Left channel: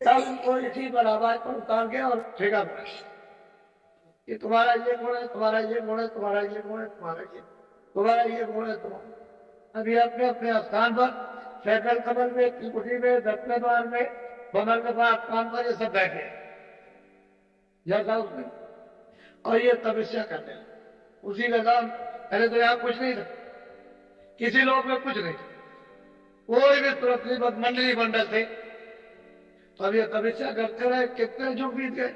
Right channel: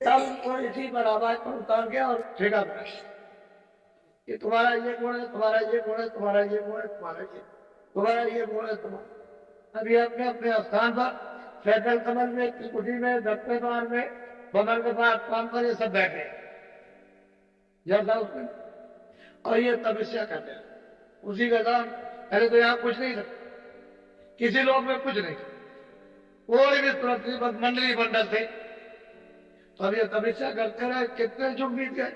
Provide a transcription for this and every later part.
तब उनको इसी पर आवाज पर उतार के और ठेका करा कि तुम्हारा ये गुण है, तुम्हारा ये गुण है, तुम्हारा ये गुण है, तुम्हारा ये गुण है, तुम्हारा। अभी अपने अपने स्थान पर सैदल कमल में, त्रिकुटी में, दक्षिण द्वार में, बमल के पास काम पर ये सब बैठे जैसा उसमें, और ये तपस्या करते हैं उसी का दान। पहले तो यहाँ कुछ नहीं था, किसी लोग में कुछ नहीं था, कोई भी पृथ्वी पर मंडली मंडल थे। तो अब ये तपस्या करते रहे, कितने युग बीत गए।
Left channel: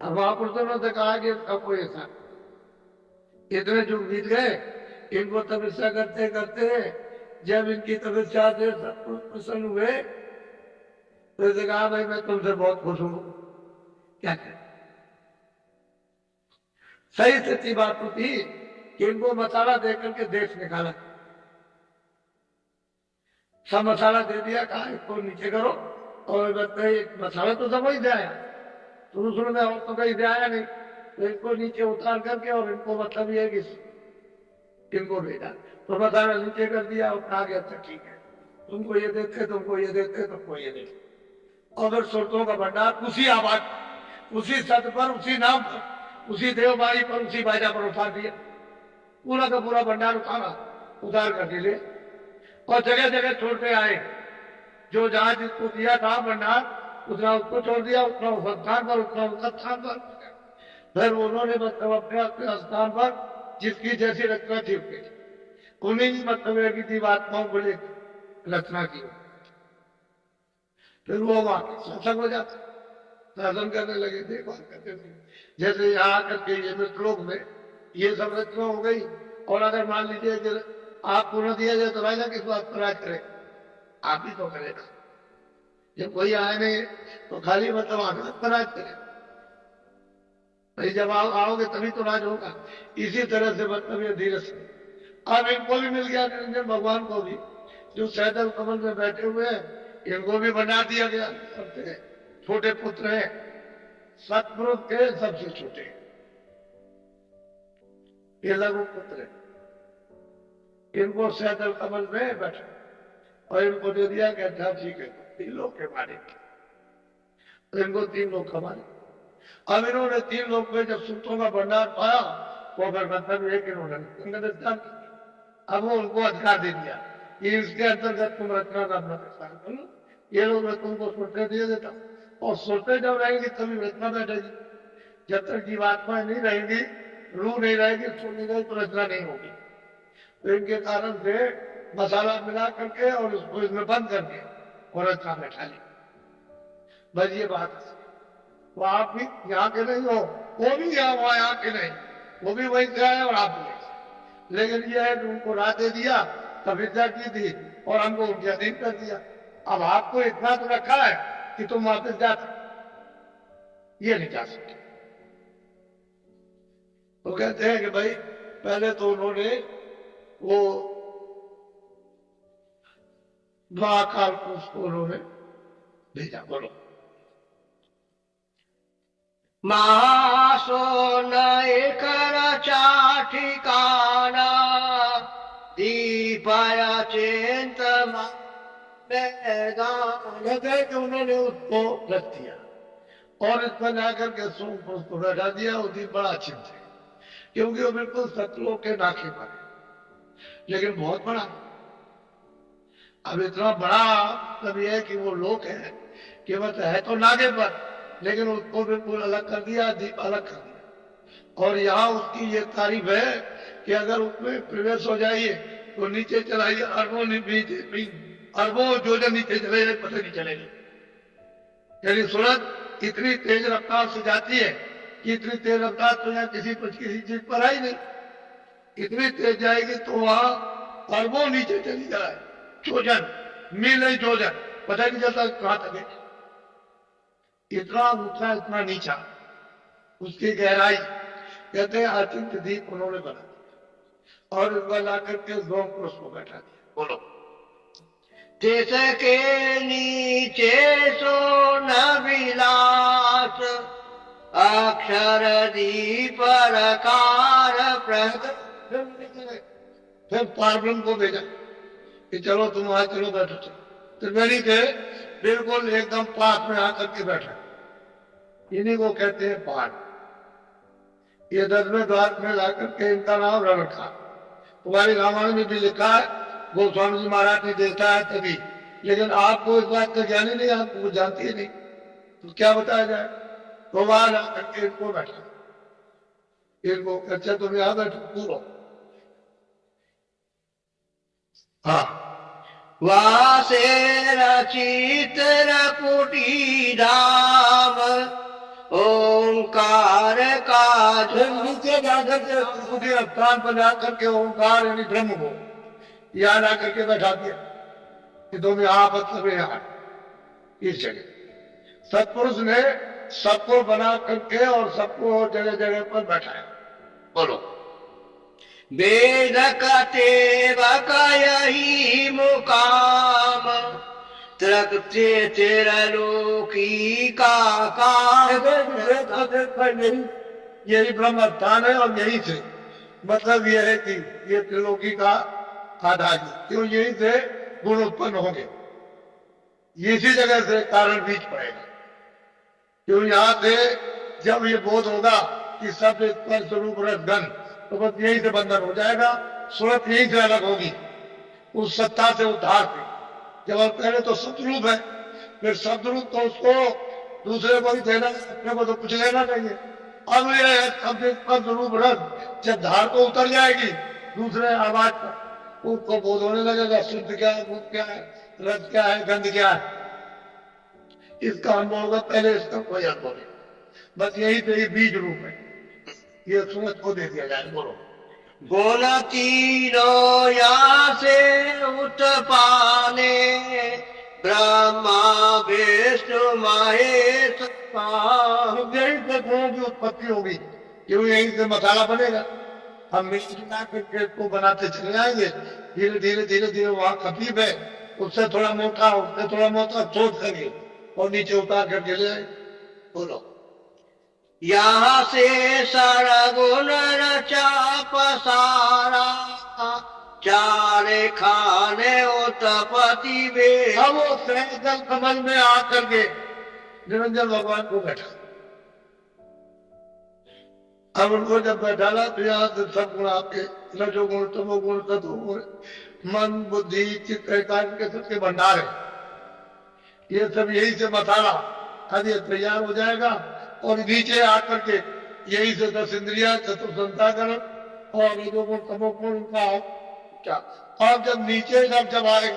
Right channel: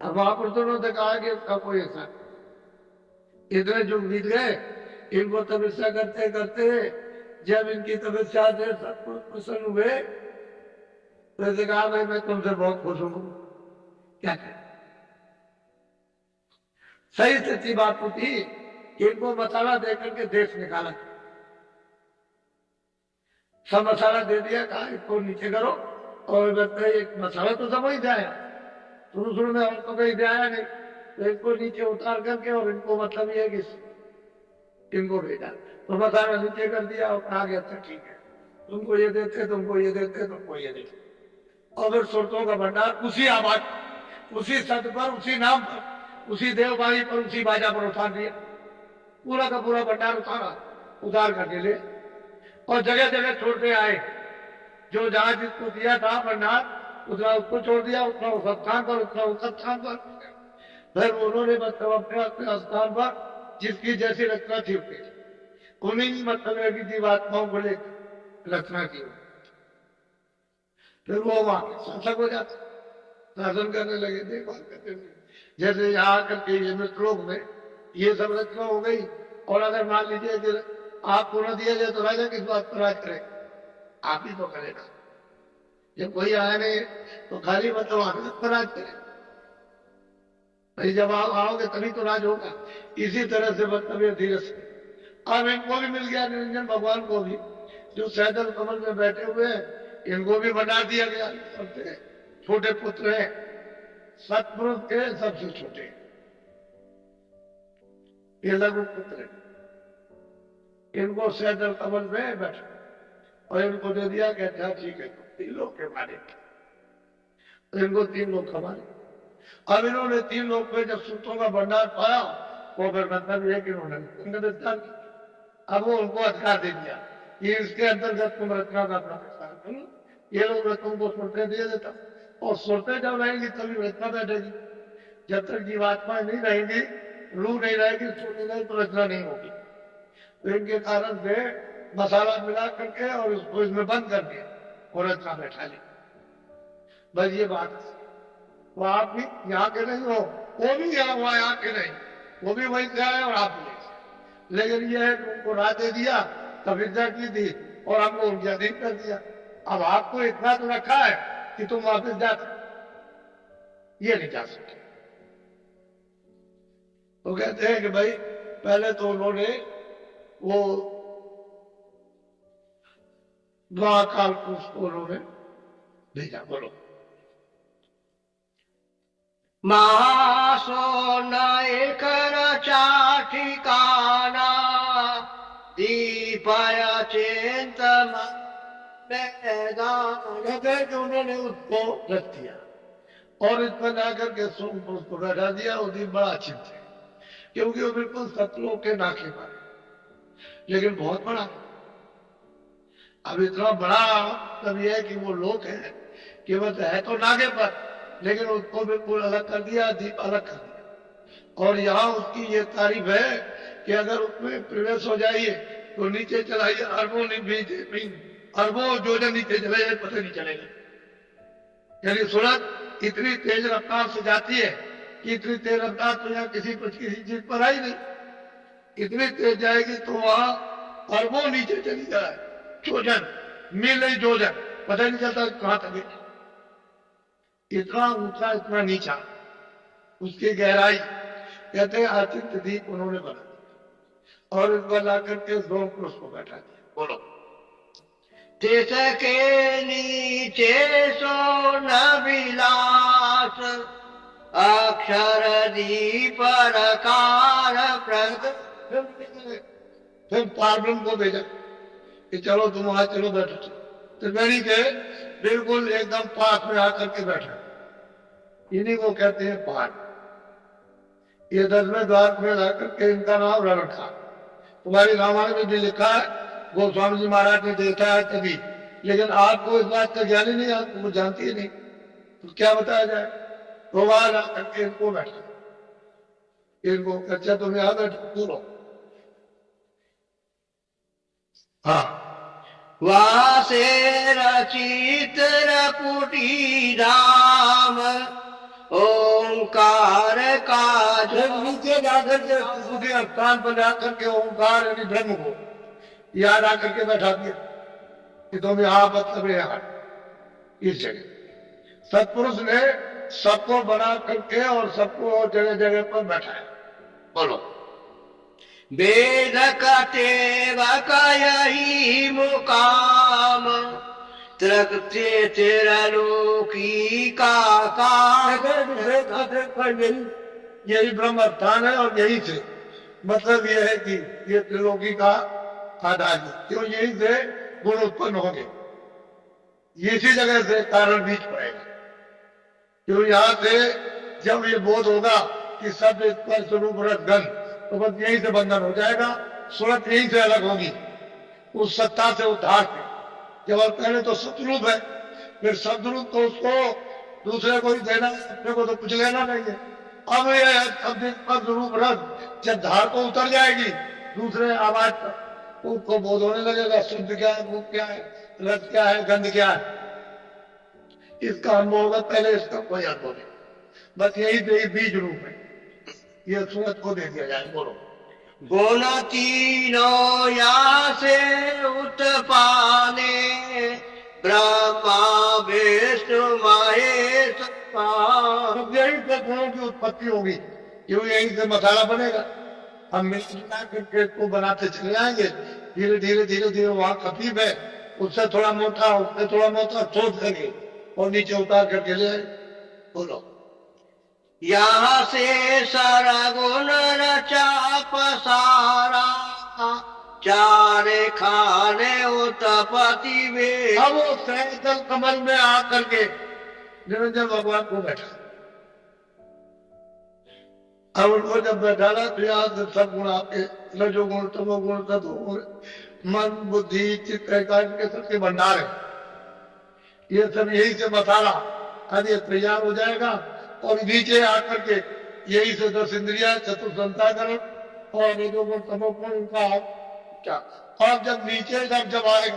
अब महापुरुषों ने कहा कि अब कोई ऐसा इतने युग बीत गए, इनको तपस्या करते करते जब इनकी तपस्या से सतपुरुष प्रसन्न हुए तो इसे कहा भाई मैं तुमसे बहुत खुश हूं। क्या करें, सही सच्ची बात तो थी कि इनको मसाला दे करके देश निकाला, सब मसाला दे दिया, कहा इसको नीचे करो। और एक मसाला तो सब वही जाया, शुरू शुरू में और तो कहीं से आया नहीं, तो इनको नीचे उतार करके और इनको मतलब ये कि इनको भेजा, तो मसाला नीचे कर दिया और कहा गया अच्छा ठीक है, तुमको ये देते, तुमको ये देते, तुमको ये देते। और फिर सुरतों का भंडार उसी आवाज, उसी सद पर, उसी नाम पर, उसी देवबाणी पर, उसी बाजा पर उतार दिया, पूरा का पूरा भंडार उतार करके ले, और जगह जगह छोड़ते आए। जो जहां जिसको दिया था भंडार उतना उसको छोड़ दिया, उतना उस स्थान पर, उतना उस स्थान पर। फिर उन्होंने मतलब अपने अपने स्थान पर जिसकी जैसी रचना थी उन्हीं मतलब है कि जीवात्माओं को लेकर रचना की। फिर वो वहां शासक हो जाते, शासन करने लगे, देखभाल करते लगे। जैसे यहाँ आकर के ये मृतलोक में ये सब रचना हो गई, और अगर मान लीजिए कि आपको न दिया जाए तो राजा किस बात पर राज करे, आप ही तो करेगा। जब कोई आया नहीं तो खाली मतलब आकर पर राज करे, भाई जब आओगे तभी तो राज होगा। इसी तरह से मतलब ये धीरे से अब इनको भी मिल गया, निरंजन भगवान को भी, जो सैदल कमल में बैठे हुए हैं, इनको भी भंडार दिया गया। सबसे छोटे पुत्र हैं, सतपुरुष के सबसे छोटे, ये लघु पुत्र है, इनको सैदल कमल में बैठे और इनको दे दिया कि अच्छा ठीक है 3 लोग के मालिक, तो इनको 3 लोग का मालिक। अब इन्होंने 3 लोग में जब सूत्रों का भंडार पाया तो फिर मतलब ये कि इन्होंने अब वो उनको अधिकार दे दिया कि इसके अंतर्गत तुम रचना का अपना विस्तार कर लो। ये लोग तुमको सुरते दिए देता, और सुरते जब रहेंगी तभी रचना बैठेगी। जब तक जीवात्माएं नहीं रहेंगी, रूह नहीं रहेगी, सुर नहीं रहेगी, तो रचना नहीं होगी। तो इनके कारण से मसाला मिला करके और उसको इसमें बंद करके और रचना बैठा ली। बस ये बात है। वो आप भी यहाँ के नहीं हो, वो भी यहाँ के नहीं, वो भी वहीं से आए और आप भी, लेकिन यह है कि उनको राह दे दिया, तपस्या की थी और हमको उनके अधीन कर दिया। अब आपको इतना तो रखा है कि तुम वापस जा सकते, ये नहीं जा सकते। तो कहते हैं कि भाई पहले तो उन्होंने वो महाकाल पुरुष को उन्होंने भेजा। बोलो महासोन कर ठिकाना दीपाया चिंत मैदान। कहते हैं कि उन्होंने उसको रख दिया और इस पर जाकर के सोम पुरुष को बैठा दिया। वो दिन बड़ा चिंत है, क्योंकि वो बिल्कुल सतलोक के नाके पर है, लेकिन बहुत बड़ा। अब इतना बड़ा मतलब यह है कि वो लोक है कि मतलब है तो नागे पर, लेकिन उसको बिल्कुल अलग कर दिया, दीप अलग कर दिया। और यहाँ उसकी ये तारीफ है कि अगर उसमें प्रवेश हो जाइए तो नीचे चलाइए, अरबों जो नीचे चले जाए पता नहीं चलेगा। यानी सूरत इतनी तेज रफ्तार से जाती है कि इतनी तेज रफ्तार तो यहाँ किसी चीज पर आई नहीं। इतनी तेज जाएगी तो वहां अरबों नीचे चली जाए, जोजन मील नहीं, जोजन पता नहीं चलता कहां तक है। इतना ऊंचा इतना नीचा, उसकी गहराई। कहते हैं अचिंत्य दीप उन्होंने बना दिया और इसको ला करके उस दोनों पुरुष को बैठा दिया। बोलो जिसके नीचे सोन विलास अक्षर दीप रकार फिर पारब्रह्म को भेजा कि चलो तुम वहां चलो बैठो। चलो त्रिवेणी के बिल्कुल एकदम पास में आकर के बैठा। इन्हीं को कहते हैं पान। ये 10वें द्वार में लाकर के इनका नाम रखा। तुम्हारी रामायण में भी लिखा है, गोस्वामी जी महाराज ने देखा है तभी, लेकिन आपको इस बात का ज्ञान ही नहीं, आपको कुछ जानती ही नहीं, तो क्या बताया जाए। तो वहां आकर के इनको बैठा, इनको अच्छा तुम यहां बैठो, बोलो। हाँ, वासे रचित रकुटी धाम, ओंकार का नीचे जाकर के त्रिकुटी स्थान पर जाकर के ओंकार यानी ब्रह्म को याद आकर के बैठा दिया कि तुम यहाँ मतलब यहाँ इस जगह। सत्पुरुष ने सबको बना करके और सबको जगह जगह पर बैठाया। बोलो। वेद कटेव कयहि मुकाम, त्रक्ते तिरलोकी का यही ब्रह्म स्थान है और यही से मतलब यह है कि ये त्रिलोकी का आधार है, क्यों यही से गुण उत्पन्न होंगे, इसी जगह से कारण बीच पड़ेगा। क्यों यहाँ से जब ये बोध होगा कि शब्द स्पर्श स्वरूप रस गंध, तो बस यहीं से बंधन हो जाएगा, सूरत यहीं से अलग होगी उस सत्ता से, उद्धार से। जब पहले तो शब्दरूप है, फिर शब्दरूप तो उसको दूसरे को ही देना, अपने को तो कुछ लेना नहीं है। अब ये शब्द स्पर्श रूप रस जब धार को उतर जाएगी दूसरे आवाज पर, उसको बोध होने लगेगा शुद्ध क्या है, रूप क्या है, रस क्या है, गंध क्या है, इसका अनुभव होगा। पहले इसका कोई अनुभव नहीं, बस यही से ये बीज रूप है, ये सूरज को दे दिया जाए। बोलो। गुण तीनों या से उत्पाने, ब्रह्मा विष्णु महेश यही से गुणों की उत्पत्ति होगी, क्यों यही से मसाला बनेगा। हम मिला करके इसको बनाते चले जाएंगे, धीरे धीरे धीरे धीरे वहां खफीफ है, उससे थोड़ा मोटा, उससे थोड़ा मोटा सोच करके और नीचे उतार करके ले आए। बोलो। यहाँ से सरगुण रचा पसारा, चारे खाने उत्पत्ति वे। अब वो सहजल कमल में आकर के निरंजन भगवान को बैठा। अब उनको जब बैठाला तो यहाँ से सब गुण आपके, रजोगुण तमोगुण सतोगुण मन बुद्धि चित्त एकाग्र के सबके भंडार है, ये सब यही से मसाला अब ये तैयार हो जाएगा। और नीचे आकर के यही से 10 इंद्रिया चतुर्संताकरण और रजोगुण तमोगुण उनका क्या। और जब नीचे जब आएगा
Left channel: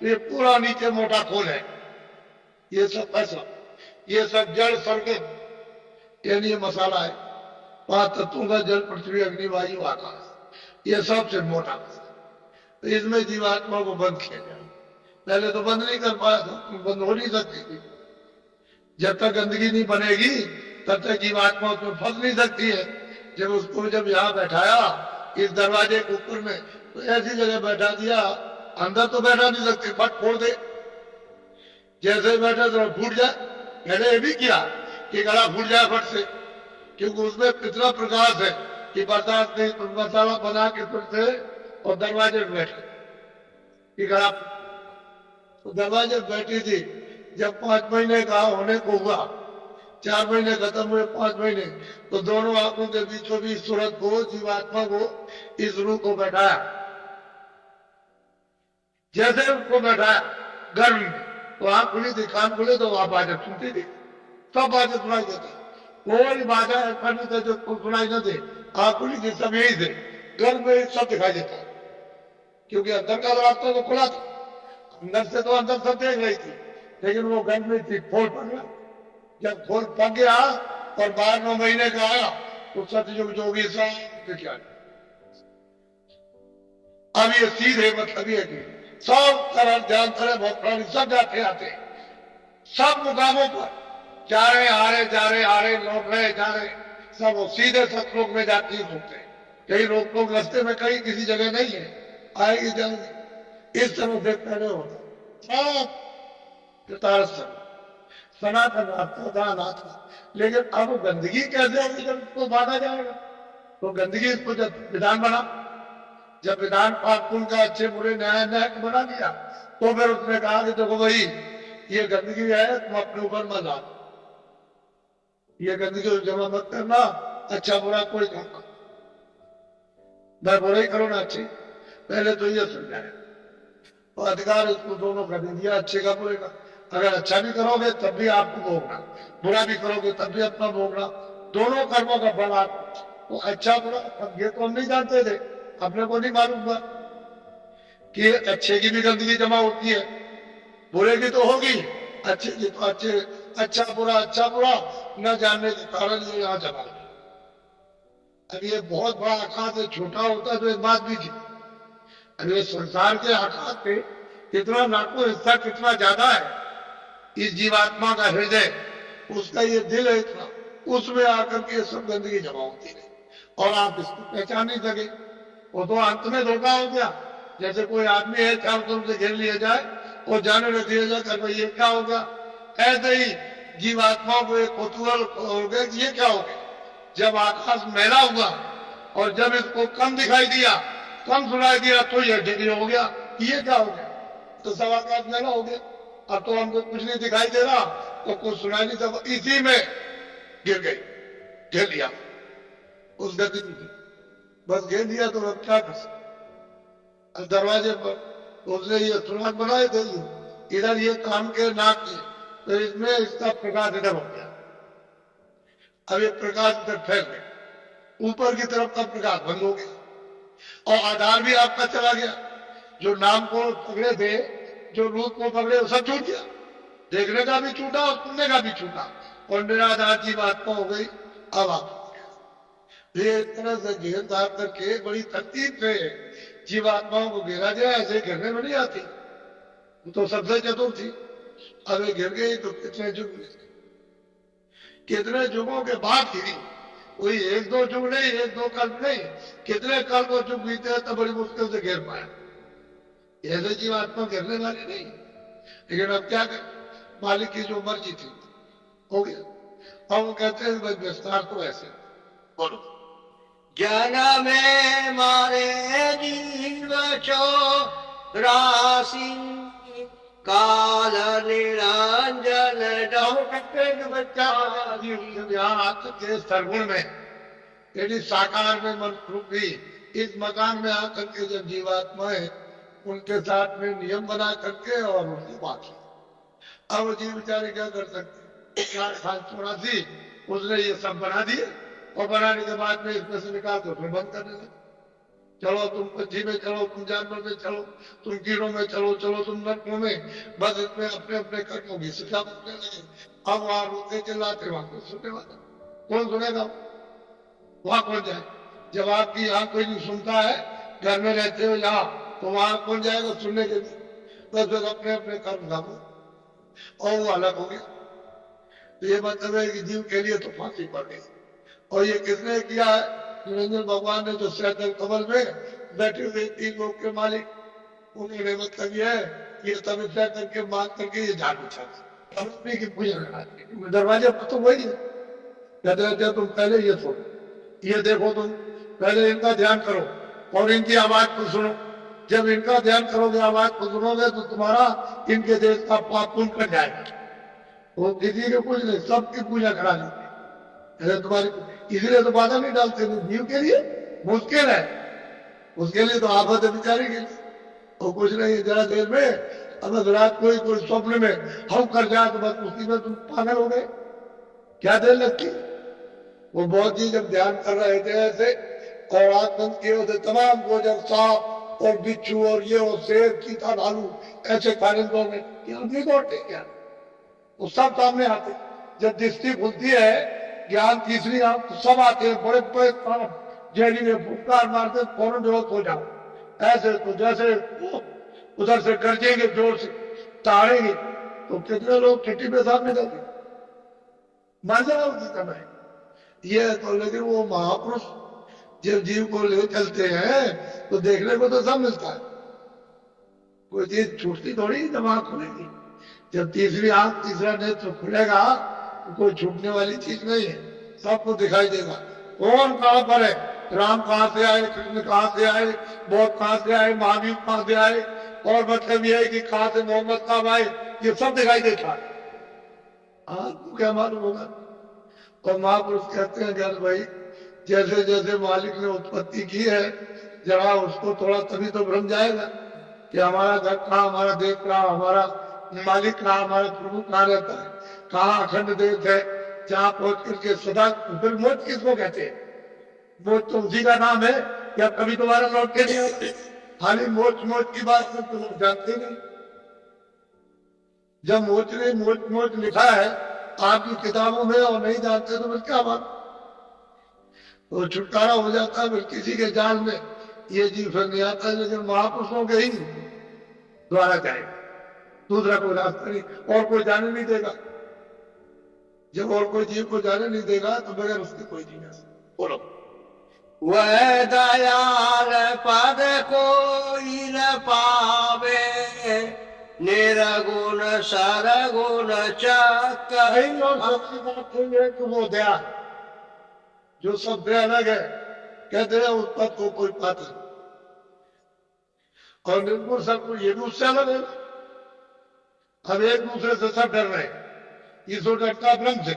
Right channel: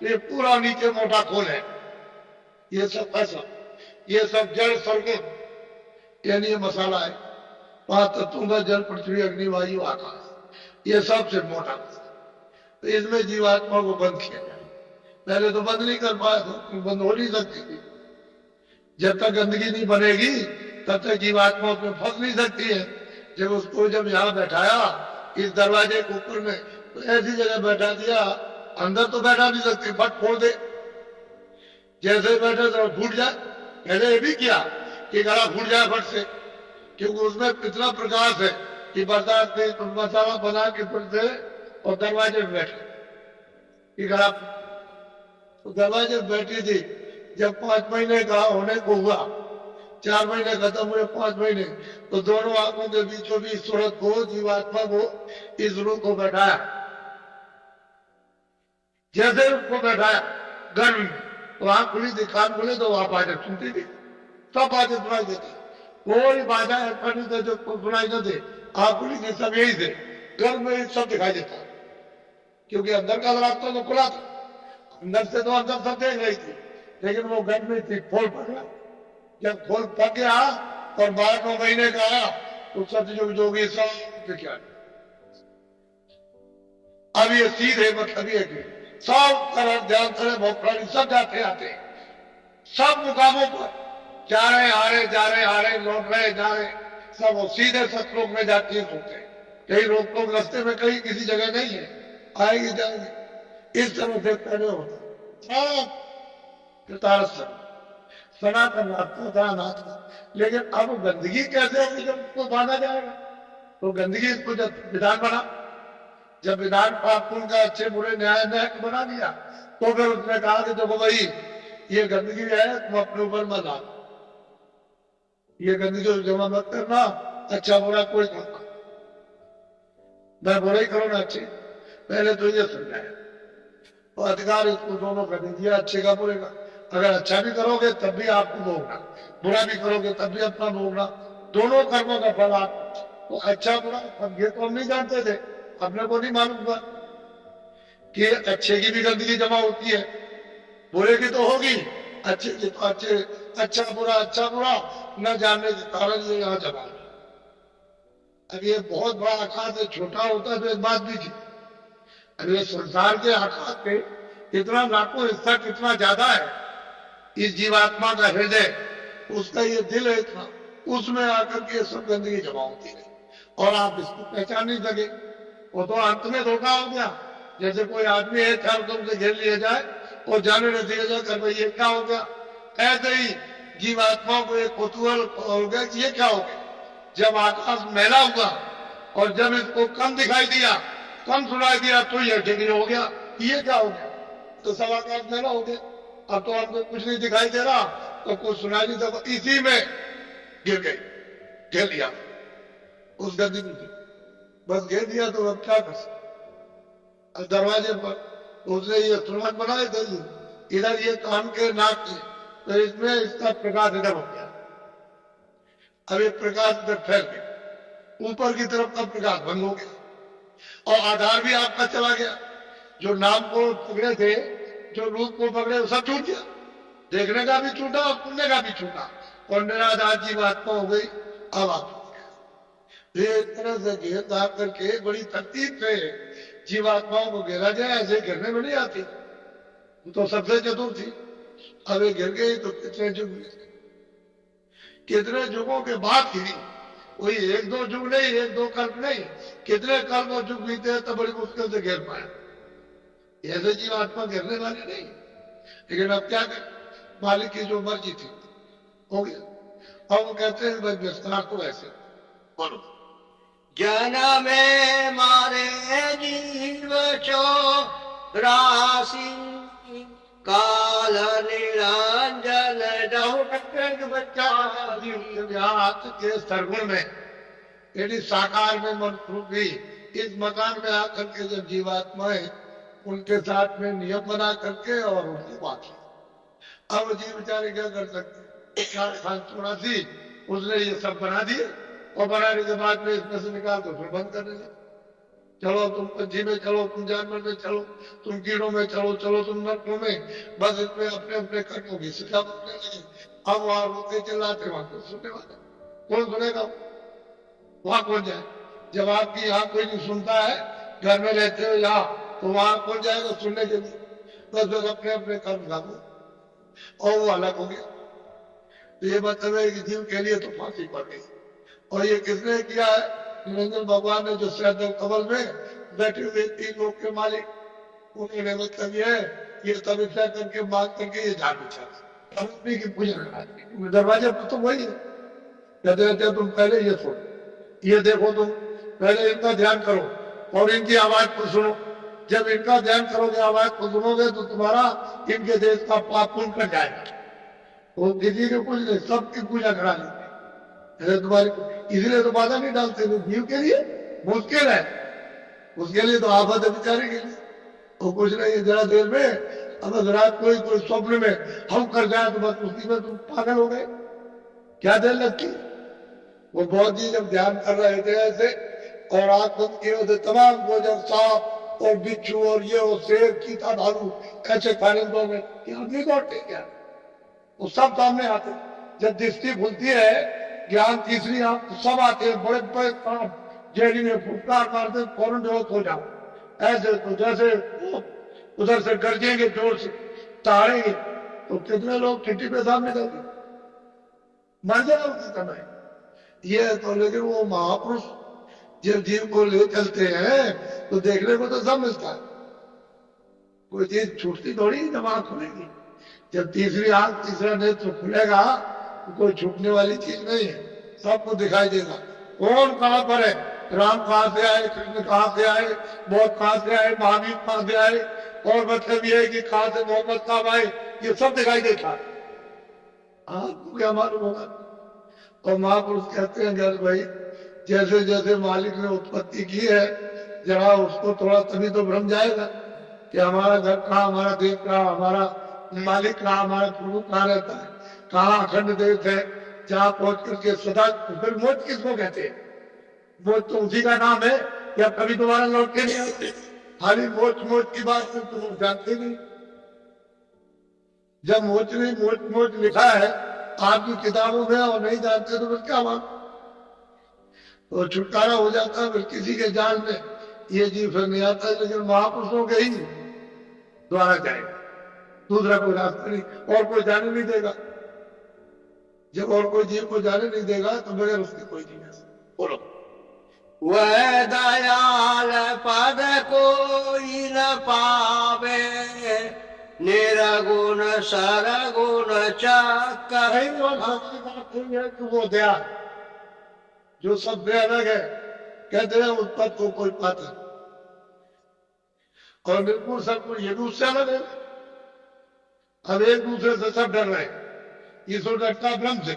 तो ये पूरा नीचे मोटा खोल है, ये सब ऐसा, ये सब जड़ सर्गुण यानी ये मसाला है। 5 तत्वों का जल पृथ्वी अग्नि वायु आकाश, ये सबसे मोटा। तो इसमें जीवात्मा को बंद किया जाए। पहले तो बंद नहीं कर पाया, तो बंद हो नहीं सकती थी। जब तक गंदगी नहीं बनेगी तब तक जीवात्मा उसमें फंस नहीं सकती है। जब उसको जब यहाँ बैठाया इस दरवाजे के ऊपर में, तो ऐसी जगह बैठा दिया, अंदर तो बैठा नहीं सकती, फट फोड़ दे। जैसे बैठा तो फूट जाए। पहले ये भी किया कि गला फूट जाए फट से, क्योंकि उसमें कितना प्रकाश है कि बरसात से मसाला बना के फिर से और दरवाजे में बैठा कि गला। तो दरवाजे में बैठी थी, जब 5 महीने का होने को हुआ, 4 महीने खत्म हुए, 5 महीने, तो दोनों आंखों के बीचों बीच सूरत को, जीवात्मा को, इस रूह को बैठाया। जैसे उसको बैठाया गर्भ में, तो आंख खुली थी, कान खुले तो वहां बातें सुनती थी, सब बातें सुनाई देती। कोई बाधा ऐसा नहीं था जो सुनाई न दे, आंख खुली थी, सब यही थे। गर्भ में सब दिखाई देता, क्योंकि अंदर का रास्ता तो खुला था, अंदर से तो अंदर सब देख रही थी, लेकिन वो गर्भ में थी, खोल पड़ गया। जब खोल पक गया और 12 महीने का आया, तो सतयुग जोगी सब क्या। अब ये सीधे मतलब ये कि सब तरह ध्यान तरह बहुत प्राणी सब जाते आते, सब मुकामों पर जा रहे आ रहे लौट रहे जा रहे, सब वो सीधे सतलोक में जाती होते। कहीं रोक टोक रास्ते में कहीं किसी जगह नहीं है, आएगी जाएगी। इस तरह से पहले होता सब सनातन रास्ता था, अनाथ था। लेकिन अब गंदगी कैसे होगी जब इसको बांधा जाएगा। तो गंदगी इसको जब विधान बना, जब विधान पाप पुण्य का अच्छे बुरे न्याय न्याय बना दिया, तो फिर उसने कहा कि देखो भाई ये गंदगी है, तुम अपने ऊपर मत ला, ये गंदगी जमा मत करना, अच्छा बुरा कोई काम करो, मैं बुरा ही करो ना अच्छे, पहले तो ये समझाया। तो अधिकार इसको दोनों का दे दिया, अच्छे का बुरे का। अगर अच्छा भी करोगे तब भी आपको भोगना, बुरा भी करोगे तब भी अपना भोगना, दोनों कर्मों का फल आप। तो अच्छा बुरा, अब ये तो हम नहीं जानते थे, अपने को नहीं मालूम हुआ कि अच्छे की भी गंदगी जमा होती है, बुरे की तो होगी, अच्छे की तो अच्छे, अच्छा बुरा न जानने के कारण ये यहाँ जमा है। अब ये बहुत बड़ा आकाश है, छोटा होता तो एक बात भी थी। अब ये संसार के आकाश पे कितना लाखों हिस्सा कितना ज्यादा है, इस जीवात्मा का हृदय, उसका ये दिल है इतना, उसमें आकर के सब गंदगी जमा होती है और आप इसको पहचान नहीं सके। वो तो अंत में धोखा हो गया, जैसे कोई आदमी है चारों तरफ से घेर लिया जाए और जाने न दिया जाए कर भाई ये क्या हो गया, ऐसे ही जीवात्माओं को एक कुतूहल हो गया कि ये क्या हो गया। जब आकाश मैला हुआ और जब इसको कम दिखाई दिया, कम सुनाई दिया, तो ये हो गया कि ये क्या हो गया, तो सब आकाश मैला हो गया। अब तो हमको कुछ नहीं दिखाई दे रहा, तो कुछ सुनाई नहीं दे, इसी में गिर गई, घेर लिया उस गंदगी में, बस घेर दिया। तो अब क्या कर सकते। अब दरवाजे पर उसने ये सुराख बनाए थे, इधर ये कान के नाक के, तो इसमें इसका प्रकाश इधर हो गया। अब ये प्रकाश इधर फैल गया, ऊपर की तरफ का प्रकाश बंद हो गया और आधार भी आपका चला गया। जो नाम को पकड़े थे, जो रूप को पकड़े, वो सब छूट गया, देखने का भी छूटा और सुनने का भी छूटा और निराधार जीवात्मा हो गई। अब आप ये इस तरह से घेर धार करके बड़ी तरतीब से जीवात्माओं को घेरा गया, ऐसे घेरने में नहीं आती, तो सबसे चतुर थी। अब ये गिर गई तो कितने युग, कितने युगों के बाद गिरी, कोई एक दो युग नहीं, एक दो कल्प नहीं, कितने कल्प और युग बीते हैं तब बड़ी मुश्किल से घेर पाए। ऐसे जीवात्मा घेरने वाले नहीं, लेकिन अब क्या करें, मालिक की जो मर्जी थी हो गया। और वो कहते हैं भाई विस्तार तो ऐसे बोलो। जनमे मारे जीव छो राशि काल निरंजन बच्चा के सरगुण में, यदि साकार में मन रूप भी इस मकान में आकर के जब जीवात्माएं उनके साथ में नियम बना करके और उनकी बात की, अब जीव बेचारे क्या कर सकते। राशि उसने ये सब बना दिए और बनाने के बाद में इसमें से निकाल कर उसमें बंद कर देंगे। चलो तुम पंछी में चलो, तुम जानवर में चलो, तुम कीड़ों में चलो, चलो तुम नरकों में, बस इसमें अपने अपने कर्मों की शिक्षा बनने लगे। अब वहां रोते चिल्लाते, वहां को सुनने वाला कौन सुनेगा, वहां कौन जाए। जब आपकी यहाँ कोई नहीं सुनता है, घर में रहते हो यहाँ, तो वहां कौन जाएगा सुनने के लिए। बस बस अपने अपने कर्म धामो और वो अलग हो गया। तो ये मतलब है कि जीव के लिए तो फांसी पड़ गई। और ये किसने किया है, निरंजन भगवान ने, जो सैदल कमल में बैठे हुए 3 लोग के मालिक, उन्होंने मतलब ये है, ये तपस्या करके मांग करके ये जान बिछा अपनी की पूजा करा। दरवाजे पर तो वही है, कहते रहते तुम पहले ये सुनो, ये देखो, तुम पहले इनका ध्यान करो और इनकी आवाज को सुनो। जब इनका ध्यान करोगे, आवाज को सुनोगे, तो तुम्हारा इनके देश का पाप पुण्य कट जाएगा। वो किसी के कुछ नहीं, सबकी पूजा करा लेते तुम्हारी, इसलिए तो बाधा नहीं डालते थे। जीव के लिए मुश्किल है, उसके लिए तो आफत है बेचारे के लिए। वो कुछ नहीं है, जरा देर में अब रात कोई स्वप्न में हम कर जाए तो बस उसी में तुम पागल हो गए, क्या देर लगती। वो बहुत जी जब ध्यान कर रहे थे ऐसे, और आंख बंद किए होते, तमाम गोजर सांप और बिच्छू और ये और शेर चीता भालू ऐसे खाने दौड़ में, आप नहीं दौड़ते क्या, वो सब सामने आते। जब दृष्टि खुलती है, ज्ञान तीसरी आंख, तो सब आते हैं, बड़े बड़े सांप जहरीले फुटकार मारते, फौरन बेहोश हो जाओ। ऐसे तो जैसे उधर से गरजेंगे जोर से, ताड़ेंगे, तो कितने लोग ठिट्टी पे सामने निकलते, मर जाए उसी समय। ये तो लेकिन वो महापुरुष जब जीव को ले चलते हैं तो देखने को तो सब मिलता है, कोई चीज छूटती थोड़ी जब आंख खुलेगी। जब तीसरी आंख, तीसरा नेत्र खुलेगा तो कोई छूटने वाली चीज नहीं है, सबको दिखाई देगा। कौन कहां पर है, राम कहां से आए, कृष्ण कहां से आए, बौद्ध कहां से आए, महावीर कहां से आए, और मतलब यह है कि कहां से मोहम्मद साहब आए, ये सब दिखाई देता है। आपको क्या मालूम होगा? और महापुरुष कहते हैं जल भाई, जैसे जैसे मालिक ने उत्पत्ति की है, जरा उसको थोड़ा, तभी तो भ्रम जाएगा कि हमारा घर कहाँ, हमारा देश कहाँ, हमारा मालिक कहाँ, हमारा प्रभु कहाँ रहता है, कहाँ अखंड देश है, जहाँ पहुंच करके सदा। फिर मोच किसको कहते हैं? मोच तो उसी का नाम है कि अब कभी दोबारा लौट के नहीं आते। खाली मोच मोच की बात फिर तुम लोग जानते नहीं। जब मोच ने मोच मोच लिखा है आपकी किताबों में और नहीं जानते तो फिर क्या मालूम? तो छुटकारा हो जाता है फिर किसी के जाल में ये जीव फिर नहीं आता है, लेकिन महापुरुषों के ही द्वारा जाएगा, दूसरा कोई रास्ता नहीं, और कोई जाने नहीं देगा। जब और कोई जीव को जाने नहीं देगा तो बगैर उसके कोई नहीं जा। बोलो। वह दयाल पद कोई न पावे, निर्गुण सरगुण कहीं और सच्ची बात कोई है कि वो दया जो सबसे अलग है। कहते हैं उत्पत्ति को कोई पाता और निर्गुण सगुण ये भी उससे अलग है। अब एक दूसरे से सब डर रहे हैं। ईश्वर डरता ब्रह्म से,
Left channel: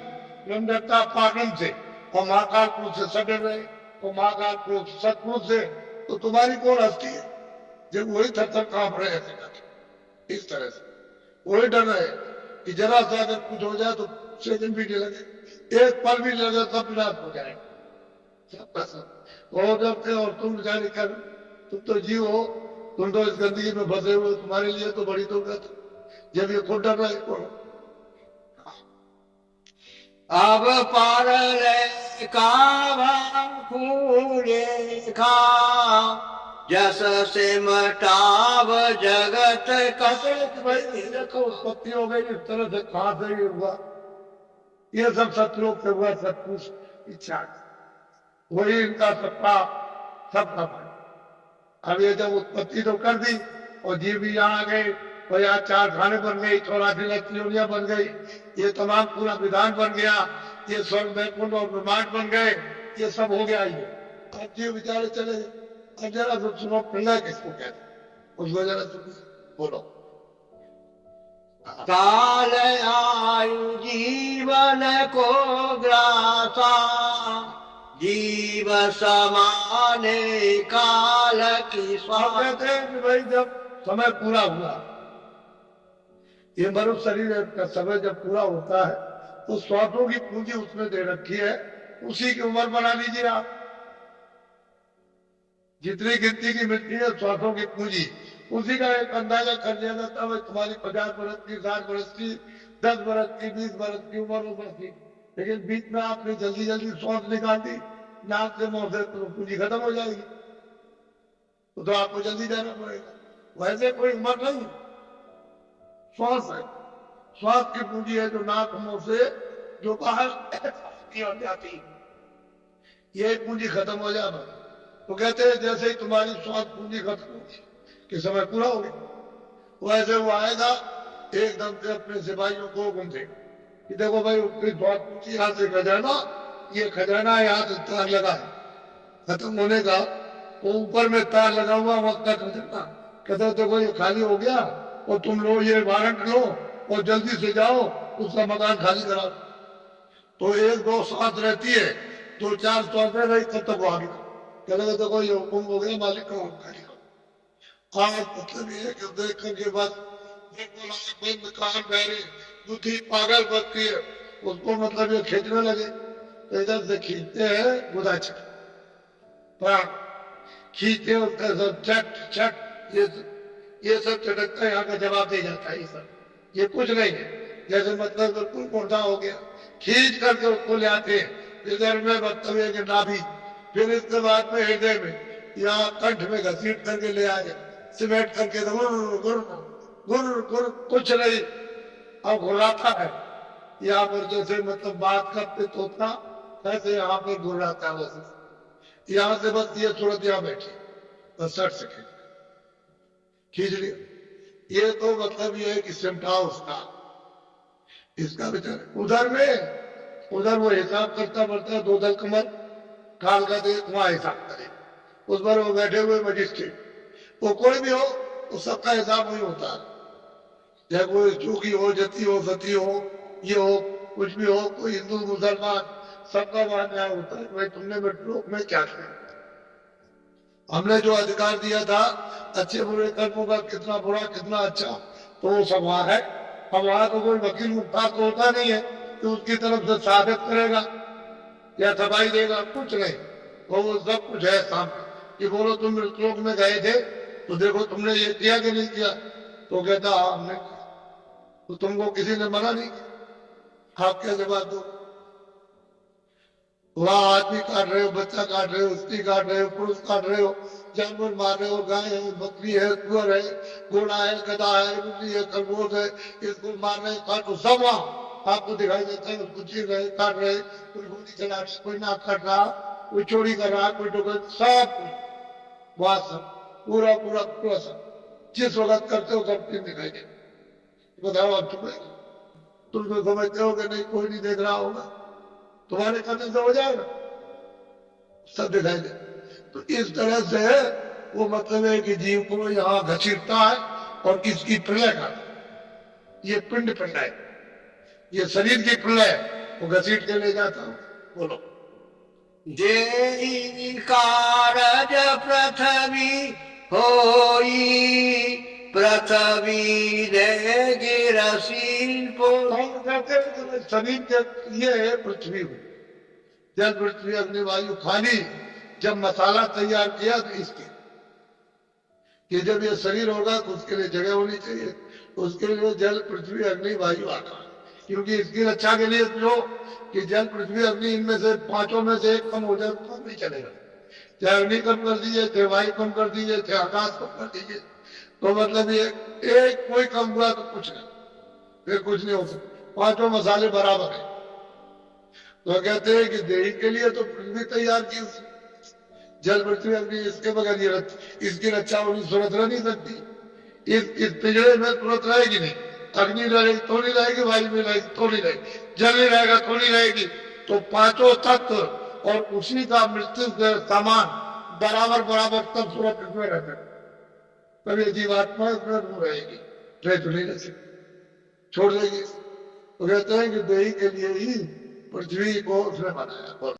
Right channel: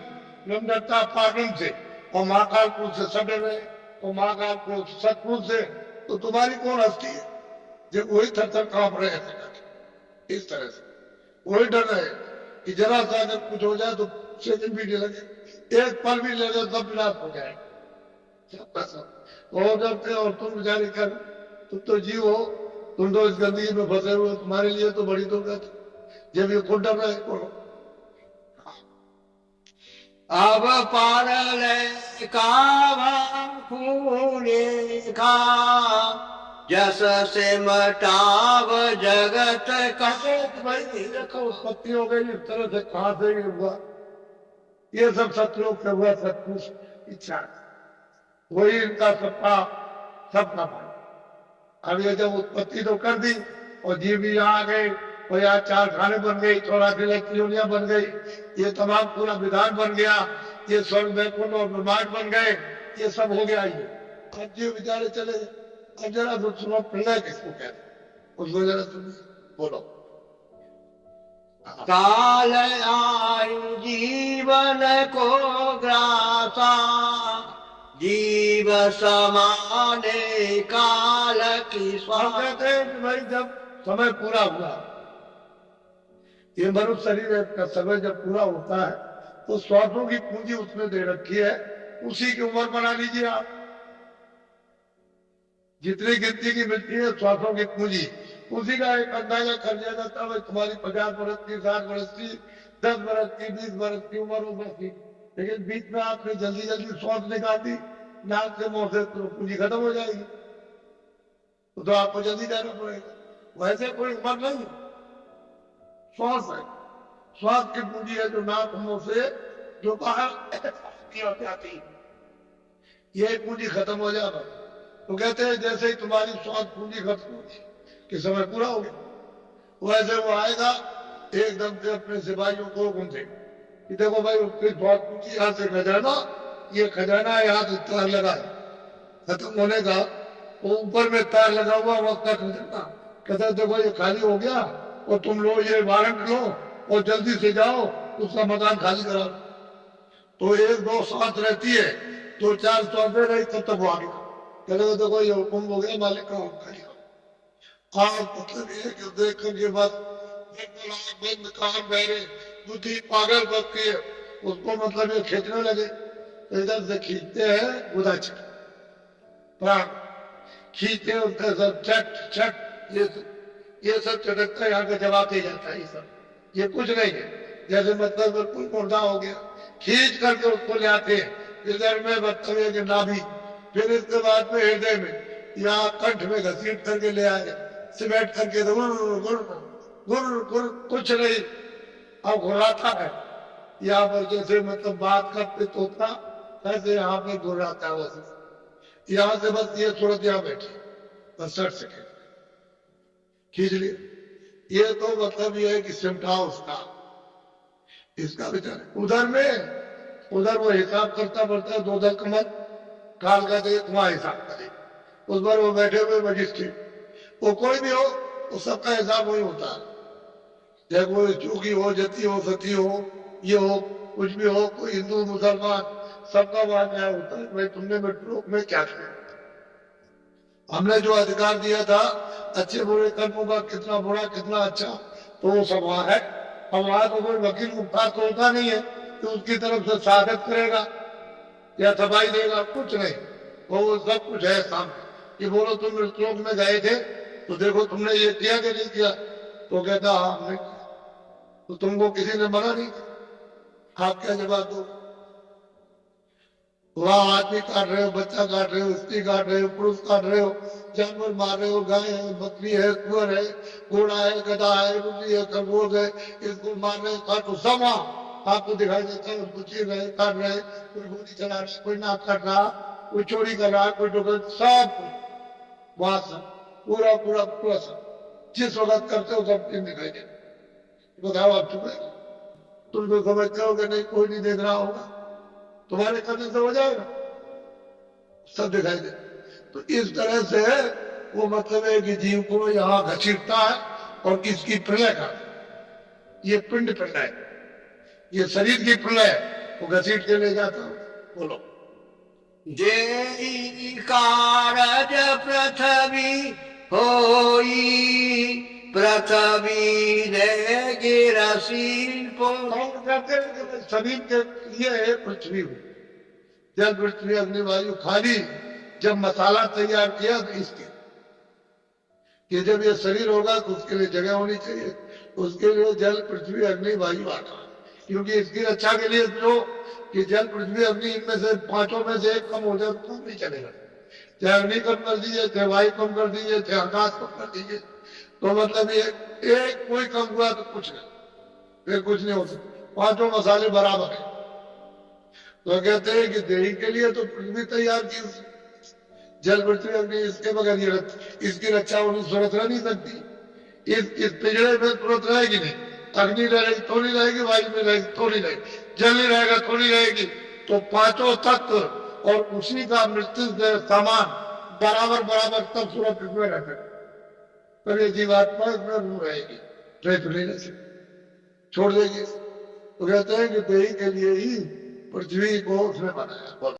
ब्रह्म डरता पारब्रह्म से, और महाकाल पुरुष से सब डर रहे हैं, और महाकाल पुरुष सतपुरुष से। तो तुम्हारी कौन हस्ती है जब वही थर थर कांप रहे हैं? इस तरह से वही डर रहे हैं कि जरा सा अगर कुछ हो जाए तो सेकंड भी नहीं लगे, एक पल भी लगे सब विनाश हो जाए, सबका सब। वो डरते और तुम बेचारे कर, तुम तो जीव हो, तुम तो इस गंदगी में फंसे हुए, तुम्हारे लिए तो बड़ी दुर्गत जब ये खुद डर रहे। बोलो। अब पार ले का जस से मटाव जगत कहते भाई देखो उत्पत्ति हो गई इस तरह से, कहां से ये हुआ? ये सब सतलोक से हुआ, सतपुरुष इच्छा, वही इनका सबका भाई। अब ये जब उत्पत्ति तो कर दी और जीव भी यहाँ आ गए, और यहाँ 4 खाने बन गई, 84 लाख योनियां बन गई, ये तमाम पूरा विधान बन गया, ये स्वर्ग वैकुंठ और ब्रह्मांड बन गए, ये सब हो गया। ये अब जीव बेचारे चले गए। अब जरा सुनो, प्रलय किसको कहते उसको जरा सुनो। बोलो। काल आयु जीवन को ग्रासा, जीव समाने काल की कहते हैं कि भाई जब समय पूरा हुआ, ये मनुष्य शरीर का समय जब पूरा होता है तो श्वासों की पूंजी उसने दे रखी है, उसी की उम्र बना लीजिए आप। जितनी गिनती की मिलती है श्वासों की पूंजी, उसी का एक अंदाजा कर दिया जाता है। तुम्हारी 50 बरस की, 60 बरस की, 10 बरस की, 20 बरस की उम्र हो बरस। लेकिन बीच में आपने जल्दी जल्दी श्वास निकाल दी नाक से मुंह से, तो पूंजी खत्म हो जाएगी, तो आपको जल्दी जाना पड़ेगा। वैसे कोई उम्र नहीं, श्वास है, श्वास की पूंजी है जो नाक मुंह से जो बाहर निकल जाती, ये पूंजी खत्म हो जाना। तो कहते हैं जैसे ही तुम्हारी श्वास पूंजी खत्म होगी कि समय पूरा हो गया, वैसे वो आएगा एकदम से अपने सिपाहियों को हुक्म दे कि देखो भाई उसकी श्वास पूंजी यहाँ से खजाना, ये खजाना है, यहाँ से तार लगा है, खत्म होने का तो ऊपर में तार लगा हुआ वक्त का खजाना। कहते देखो ये खाली हो गया और तुम लो ये वारंट लो और जल्दी से जाओ उसका मकान खाली कराओ। तो 1-2 सांस रहती है, 2-4 सांसें रही तब तक वो आ गया। कहने देखो ये हुक्म हो गया मालिक का, खाली करो। आज मतलब ये है कि देख करके बस बंद, कान बहरे, बुद्धि पागल बद की है, उसको मतलब ये खींचने लगे तो इधर से खींचते हैं बुधा चक प्राण खींचते हैं उसका सब चट चट, ये सब चटकता यहाँ का जवाब दे जाता है। ये सब ये कुछ नहीं है, जैसे मतलब बिल्कुल मुर्दा हो गया, खींच करके उसको ले आते हैं इधर में, मतलब ये कि नाभि, फिर इसके बाद में हृदय में, यहाँ कंठ में घसीट करके ले आए, सिमेट करके तो गुर गुर गुर गुर कुछ नहीं, अब घुराता है यहाँ पर, जैसे मतलब बात का पित होता ऐसे यहाँ पर घुराता है। वैसे यहाँ से बस ये सूरत यहाँ बैठी, बस सट से खींच लिया। ये तो मतलब ये है कि सिमटा उसका, इसका विचार उधर वो हिसाब करता बढ़ता है, 2 दल कमल काल का दे वहां हिसाब करे, उस पर वो बैठे हुए मजिस्ट्रेट, वो कोई भी हो वो सबका हिसाब वही होता है। चाहे कोई जोगी हो, जति हो, सती हो, ये हो, कुछ भी हो, कोई हिंदू मुसलमान, सबका वहां न्याय होता है। भाई तुमने लोक में क्या किया, हमने जो अधिकार दिया था अच्छे बुरे कर्मों का, कितना बुरा कितना अच्छा, तो वो सब वहां है। हम वहां तो कोई वकील मुख्तार तो होता नहीं है कि उसकी तरफ से साबित करेगा या सफाई देगा, कुछ नहीं। वो सब कुछ है सामने कि बोलो तुम मृतलोक में गए थे तो देखो तुमने ये किया कि नहीं किया, तो कहता हाँ हमने किया। तो तुमको किसी ने मना नहीं किया, आप क्या जवाब दो? वहां आदमी काट रहे हो, बच्चा काट रहे हो, स्त्री काट रहे हो, पुरुष काट रहे हो, जानवर मार रहे हो, गाय है, बकरी है, सुअर है, घोड़ा है, गधा है, बिल्ली है, खरगोश है, इसको मार रहे काटो, सब वहां आपको दिखाई देता है। उसको चीर रहे, काट रहे, कोई गोली चला रहा, कोई नाक काट रहा, कोई चोरी कर रहा, कोई ठोकर, सब कुछ वहां सब पूरा पूरा पूरा सब जिस वक्त करते हो सब चीज दिखाई दे। बताओ आप चुप है, तुम तो समझते हो कि नहीं कोई नहीं देख रहा होगा, तुम्हारे करने से हो जाएगा, सब दिखाई दे। तो इस तरह से वो मतलब है कि जीव को यहाँ घसीटता है और किसकी प्रलय का, ये पिंड प्रलय, ये शरीर की प्रलय वो घसीट के ले जाता हूं। बोलो जेहि कारज पृथ्वी होई, पृथ्वी ने गिरसी पो। कहते हैं कि शरीर के लिए पृथ्वी हुई, जल पृथ्वी अग्नि वायु खाली, जब मसाला तैयार किया तो इसके कि जब ये शरीर होगा तो उसके लिए जगह होनी चाहिए, तो उसके लिए जल पृथ्वी अग्नि वायु आता है। क्योंकि इसकी रक्षा के लिए जो कि जल पृथ्वी अग्नि इनमें से पांचों में से एक कम हो जाए तो नहीं चलेगा। चाहे अग्नि कम कर दीजिए, चाहे वायु कम कर दीजिए, चाहे आकाश कम कर दीजिए, तो मतलब ये एक कोई कम हुआ तो कुछ नहीं, फिर कुछ नहीं हो सकता। पांचों मसाले बराबर है। तो कहते हैं कि देही के लिए तो पृथ्वी तैयार की, जल पृथ्वी अग्नि, इसके बगैर ये इसकी रक्षा होनी सूरत रह नहीं सकती। इस पिंजड़े में सूरत रहेगी नहीं, अग्नि रहेगी तो नहीं रहेगी, वायु में रहेगी तो नहीं रहेगी, जल नहीं रहेगा तो नहीं रहेगी। तो पांचों तत्व और उसी का मृत्यु सामान बराबर बराबर तब सूरत इसमें रहते, तब ये जीवात्मा इसमें रूह रहेगी, रह तो नहीं रह सकती, छोड़ देगी। तो कहते हैं कि देही के लिए ही पृथ्वी को उसने बनाया।